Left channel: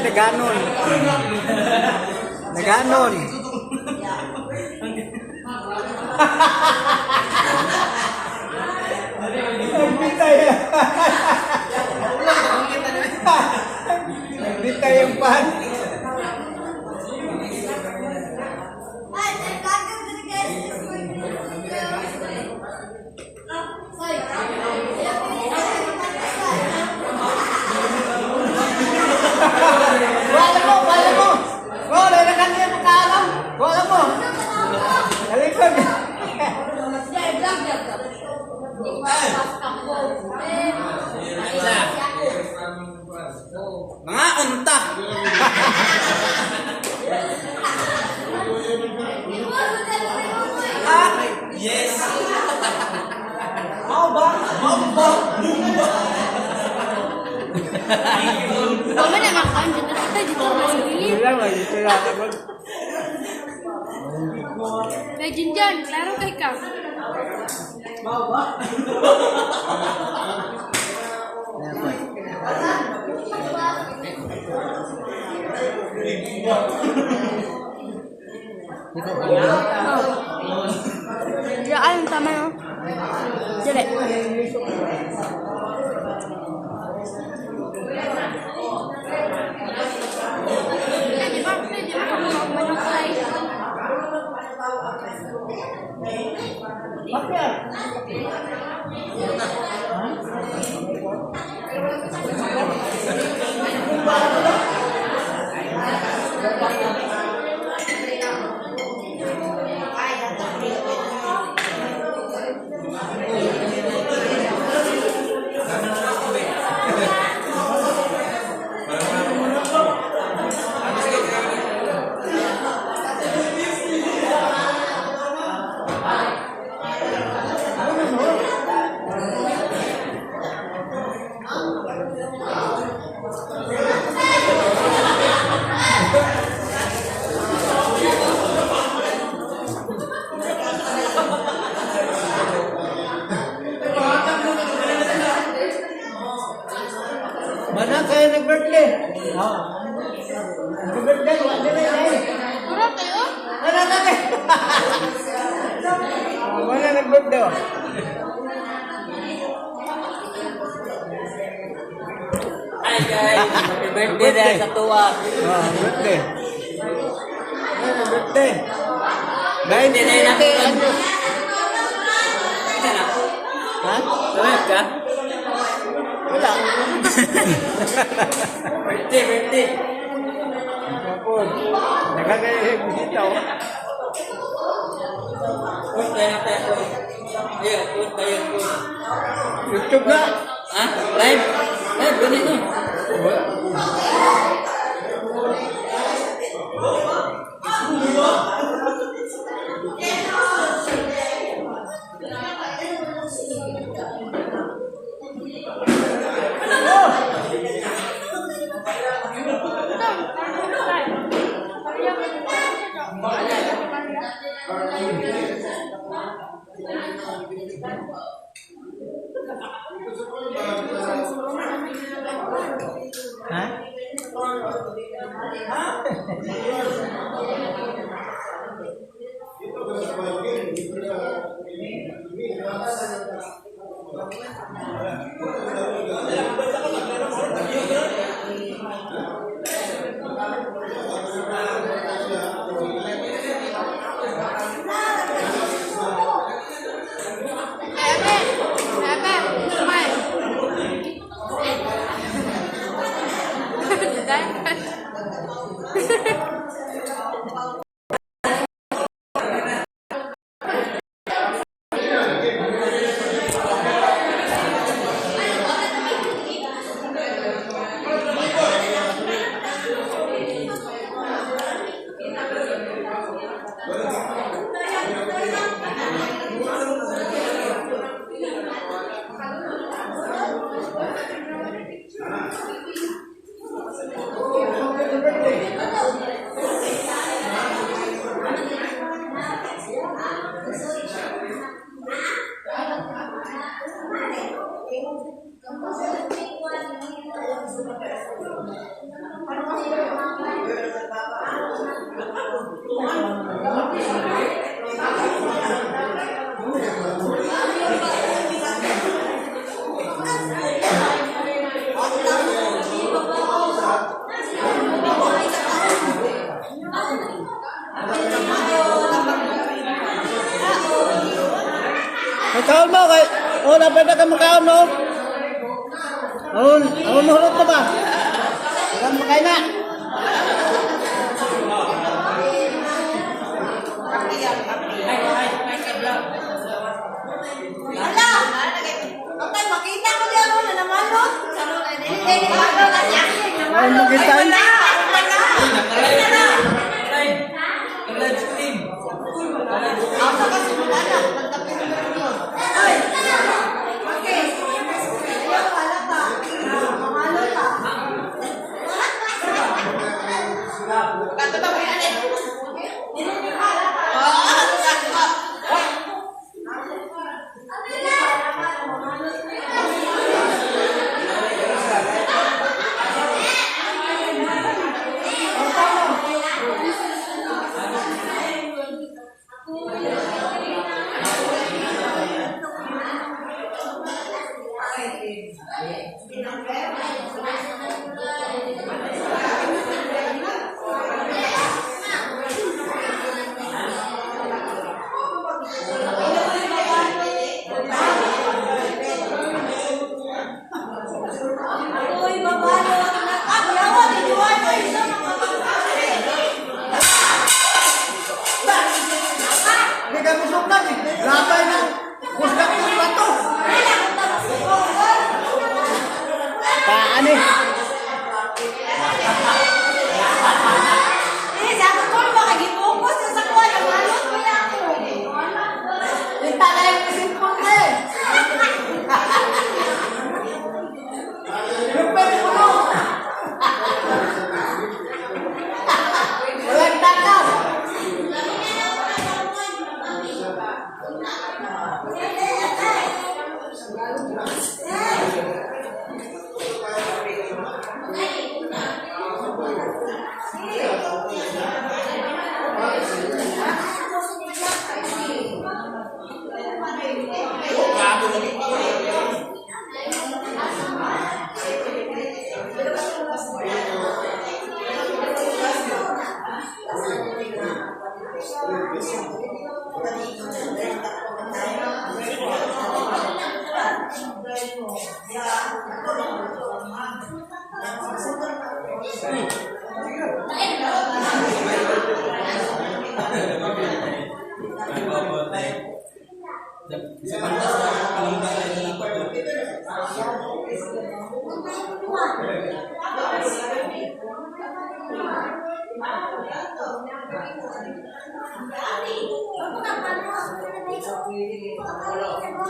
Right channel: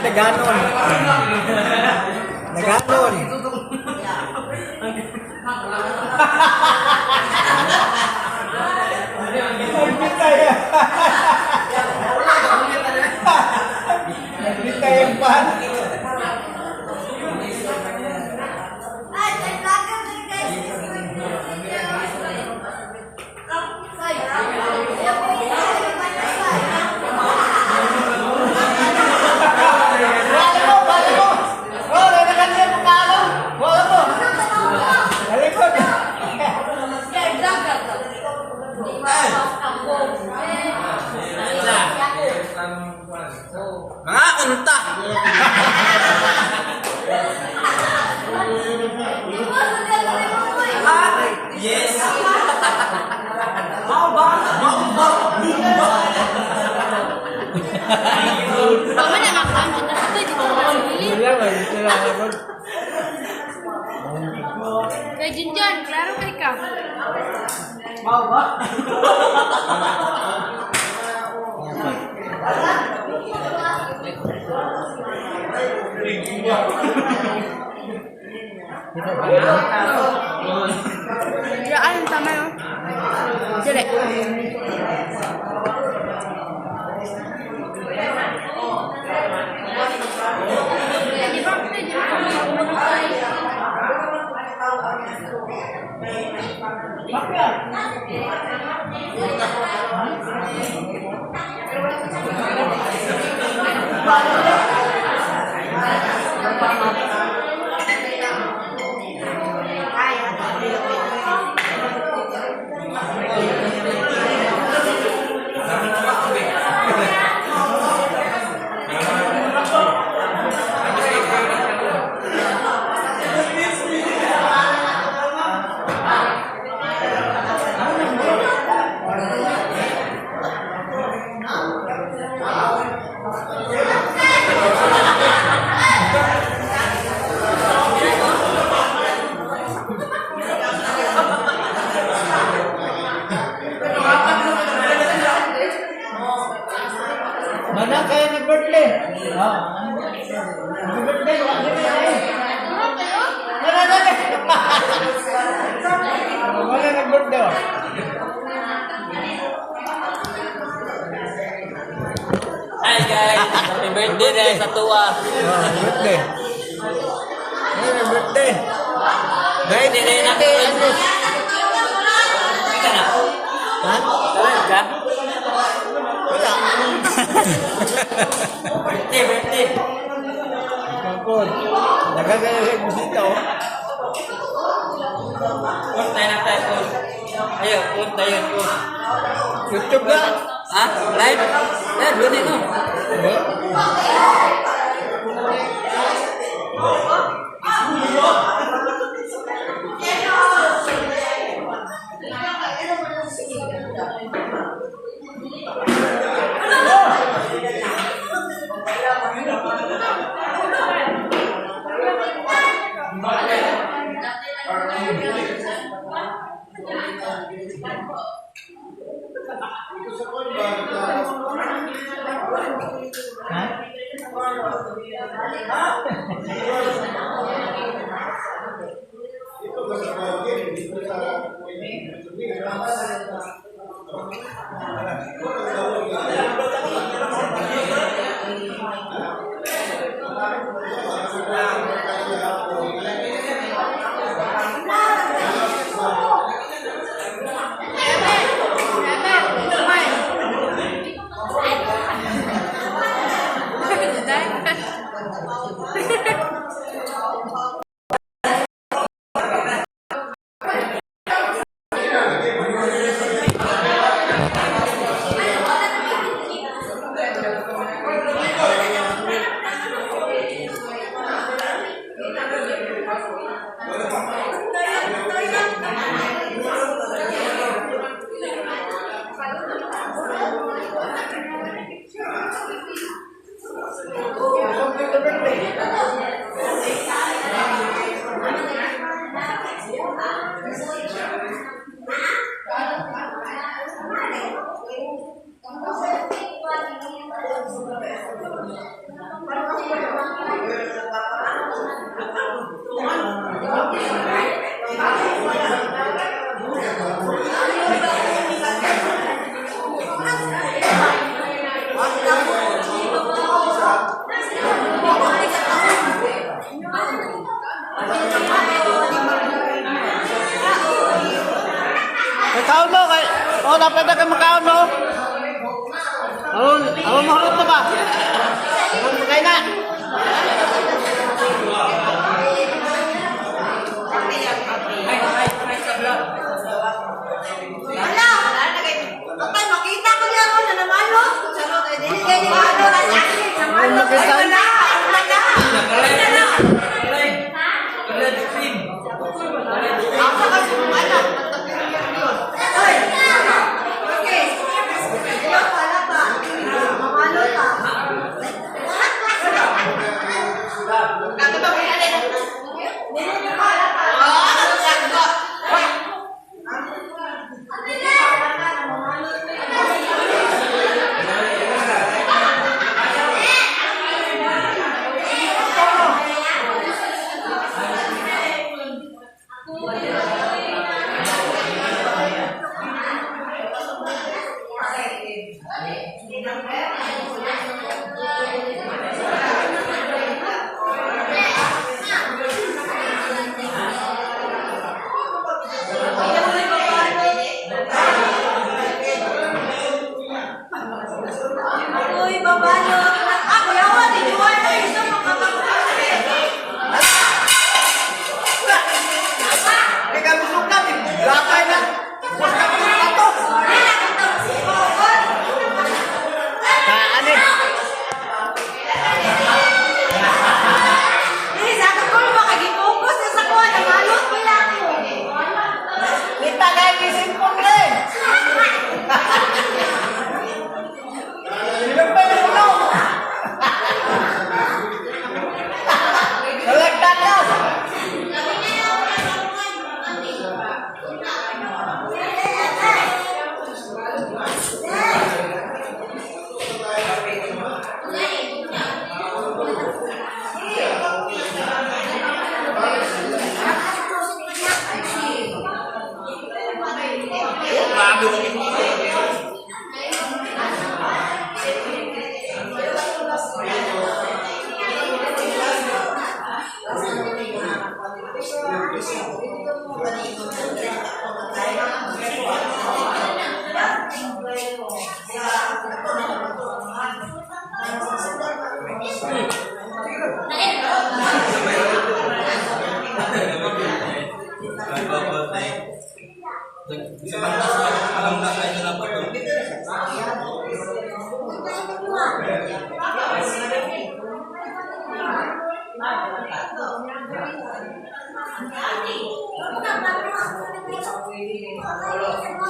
naganon. Naganon. Nagbitay. Nagbitay ang pan. Mga unta. Yes. Mama na makan dito sa di ko mabili. Kay Jinjan, klaro kay ka. Diyan tama yo. Jelek. Mana kayo nag-birthday? Oo. Nag-birthday, wala na eh. Ano tayo? Mana nag-birthday? Hi guys, happy birthday dahil sa tuwa. Birthday. Ano birthday? Dahil Hindi na yun ang ka na. ha? Tulad ka? Wala. Birthday. Kapon. Nakagayag bisita oh. Punta na tayo. Ayo, punta yun. YouTube na. Ha? Live? Live, ganit mo. Ha? Nakaon mo kay. Oh, dapat na ka makaon no. Ano mahulot na ba? Ang makain na. Wala! Kapag makita ko niya ako na naman, no? Hindi ko ako kasi Ay, makita. wala! Wala na! Ako kasi wala. Nagtapirin yun. Ay! Okay. Ayaw pala pa. Mamalo pa. Kakatabi ka rin. Hindi pala pa. Ako'y babalo. Ako lang ako, dinuwan mo. Ito makapagpapalit. Hindi ka musok na. Lapay na. Gusto ko yung plato. Taan eh. Sabi ko na makagitungkos sa kuha na malot mo lang ako. Kita dahil isimpon rin. Pwede mo na. Malagdag na.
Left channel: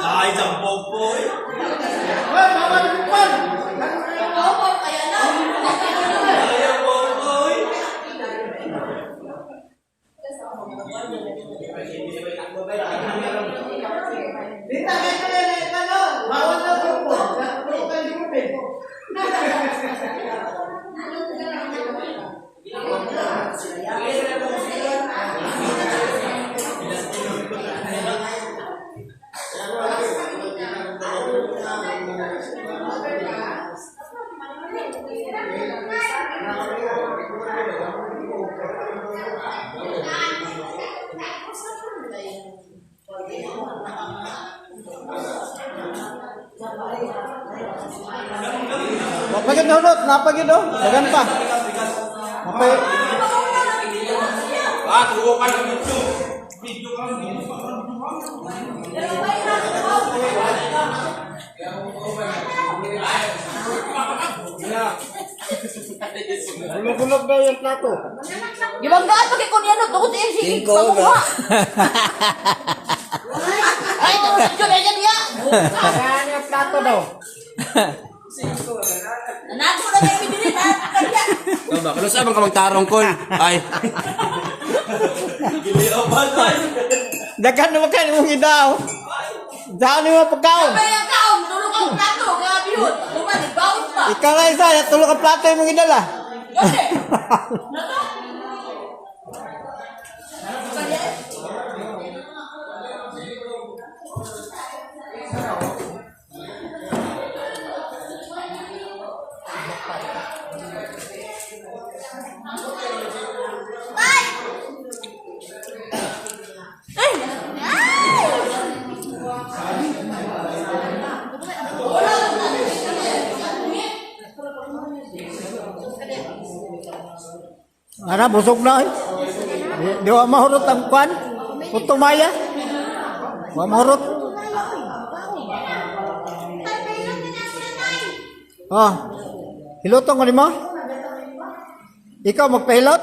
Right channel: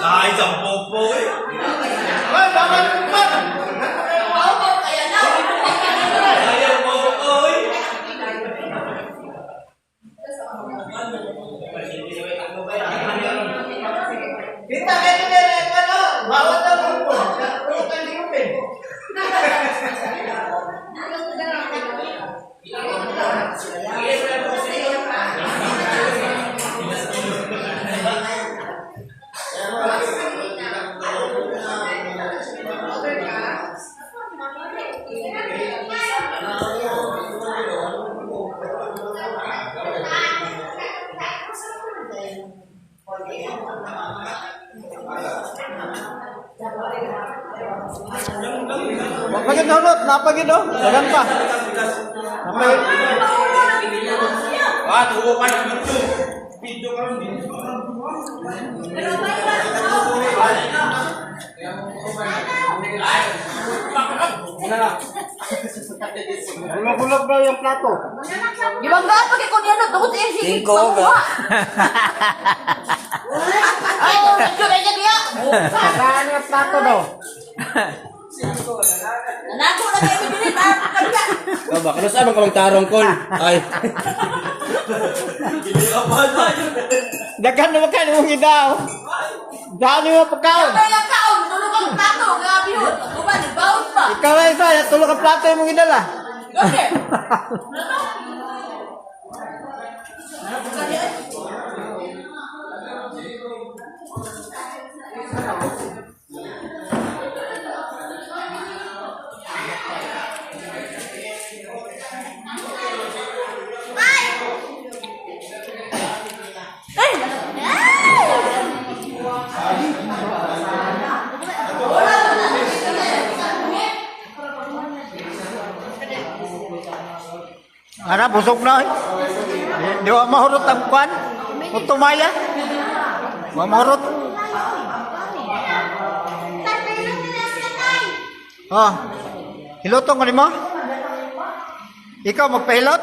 Ay, jampopo eh. Dita, dito, dito, ano? Bawal na po. Bukan di kupin. Napagin na hulot, napagin no? Dagan pa. Napagin. Ah, tunggu kan YouTube. Video kan video. Na. Bulog-bulog daw yung plato. Gibanggaan pag ikon yan, tukot yung sige. Pakuha. Ay, ito na yan niya. Saan yung plato daw? Nanago na kayo din. Kau bakal sa abang kamang tarong kol. Ay. Gili apa ay? Dagan naman ka yung idaw. Daan mo pagkaon. Kaya tao, tulog ang plato. Kaya yun. Bukan, nagbaon pa. Ikaw na isa, tulog ang plato yung idala. Gose. Ana, busog na. Di wa mahurot ang kwan. Utumaya. Wa mahurot. Oh. Hilotong ko mo? Ikaw magpahilot?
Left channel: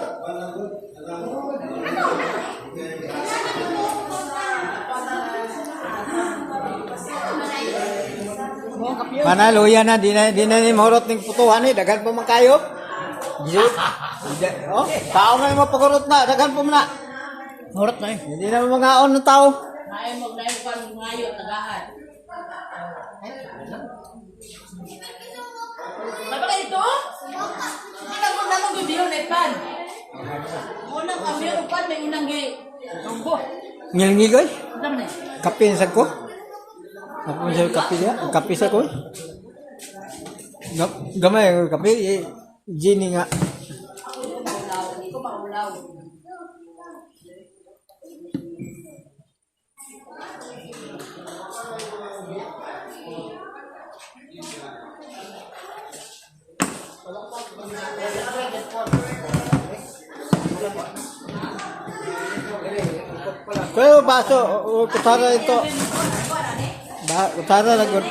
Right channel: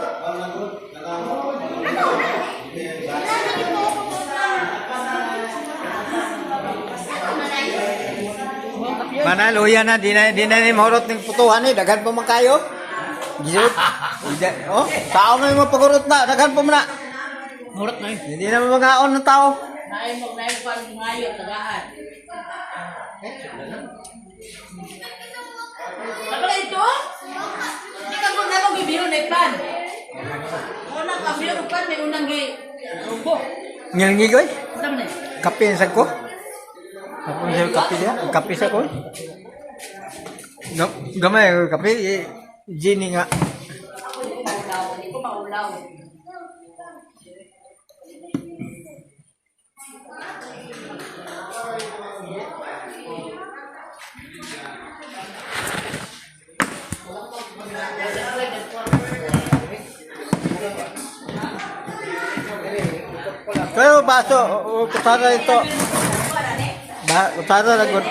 Mana luya na di na ni mahurot ning putuhan ni daghan pa man kayo. Gisut. Oh, tao na mo pagurot na daghan pa man na. Mahurot na. Hindi na mangaon ng tao. Naay mo pan ngayo tagaan. Sabala ito? Hindi ka muna nung bibiro na pan. Unang kambyo ng pan, may unang gi. Umbo. Ngilngi ko. Saan na? Kape sa ko. Ako sa kape dia, kape sa ko. Gamay kape Jenny nga. Hindi ko maulaw. Pero baso, utara ito. Utara lagod.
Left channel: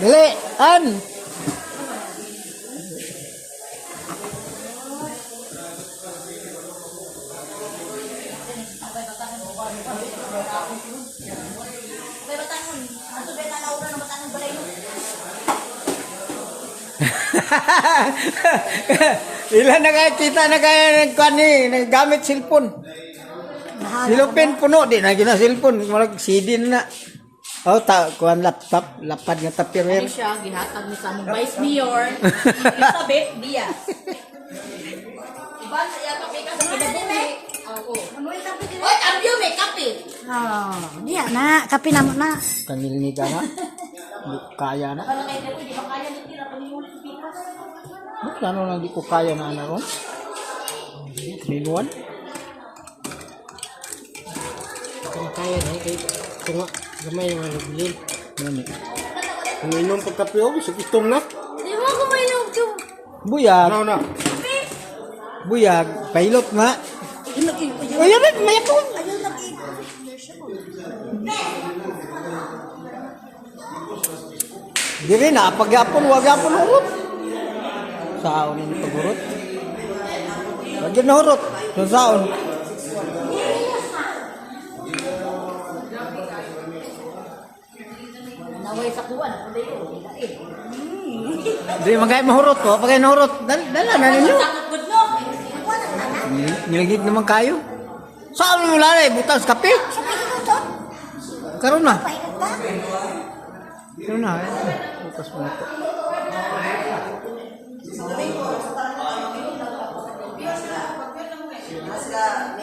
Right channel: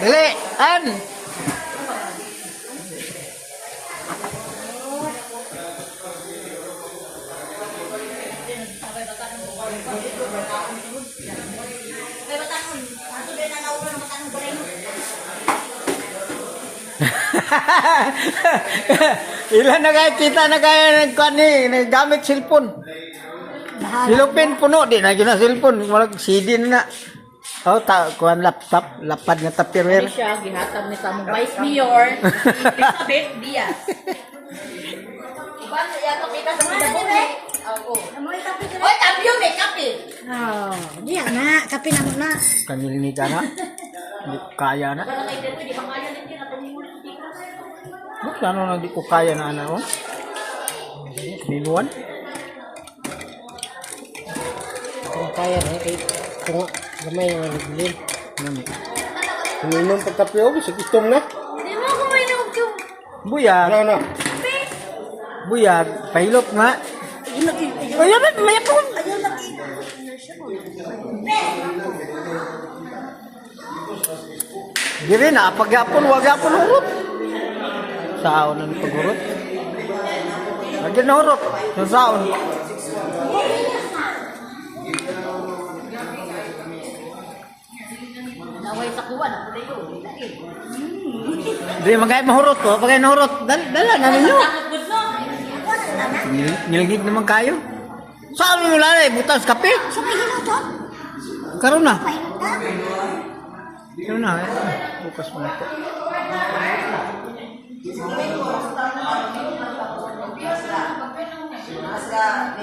Dili, an. Ilan na kaya kita na kaya gamit cellphone. Silupin puno di na gina cellphone, malag CD na. Oh, kuan laptop, lapad nga tapirwer. Siya, gihatag ni sa mong Vice Mayor, Elizabeth Diaz. Iban, yata kita sa mga buhi. Oo. Oy, cambio, may kape. Oh, diya na, kapi na na. Kanilini ka na. Di kaya na. Parang kayo dito, di ba kaya din na paniulit ng bigas? Ano na di ko kaya na ano? Minuan? Kung kaya na, kung gamay yung nagbilin. Ano? Uminom pagkapyo, gusto na. Di mo ako may yung Buyag. Ano na? Buyag. Pahilot nga. Ayaw ba? May ako. Dili na. Pag-apon, wag apon hurot. Saon na pag-hurot. Lagi na hurot. Sa saon. Naway sa kuwan, ako na yun. Di magay mahurot ko. Pagay nahurot. Dala na ninyo. Sakot good no? Nilagig naman kayo. Saan mo lalay? Butas kape? Sa may hinutot, Karoon na. pahinot ka. Karoon na. Bukas mo na po. Sila,